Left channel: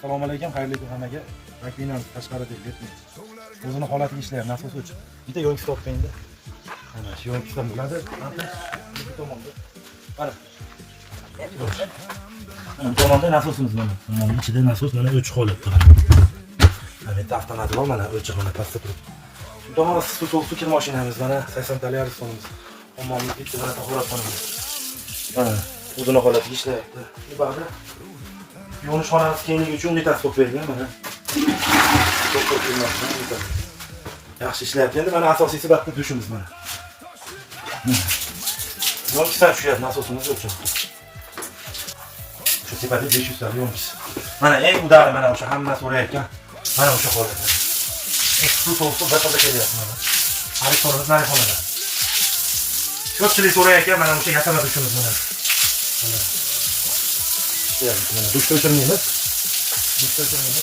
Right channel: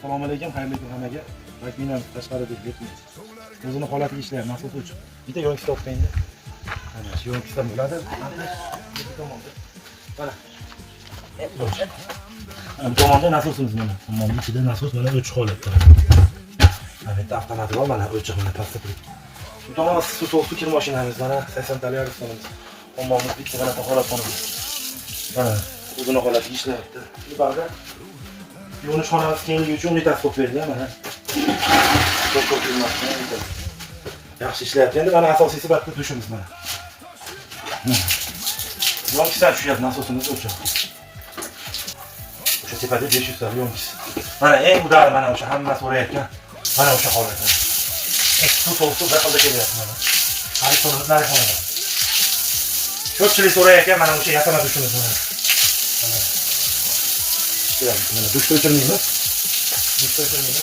Assalomu alaykum, xayrli kun hammaga. Vakiman tashqarida ketmaydi. O'zini holatiga ishlayapti, nasos uchun. Bitta yo'l stopda. Mana shu yo'l stop bo'ladi. Bu tomonda. Mana. Bu tomonda nasosimiz mana. Mana ichida nasos mana o'ch holatda. Mana bitta avtomat bor, mana o'chiq mana pastda turibdi. Bu tomon suv kir mashinamiz mana 80 tali aristonimiz. Ommamiz bitta mana holatxonamiz. Mana o'zini holatiga ishlayapti. Bu bag'da yo'nish xonamiz kengligi uchun bitta stop berilgan mana. Yaxshi ishlayapti. Endi mana asosiysi bitta tushimiz mana. Yo'nishdan tushyapti nasosimiz o'sha. O'sha tepada 500 ta yo'nish. Mana eng udari mana o'sha hamma so'rayotgan. Mana o'sha holatda. Suv to'g'ri daqalda kelyapti mana. Aristonimiz narxonada. Ko'pchilik so'rayotgan mana o'sha yasama dushimiz mana. Mana dushda o'chirmaymiz. Dushda o'chirmaymiz.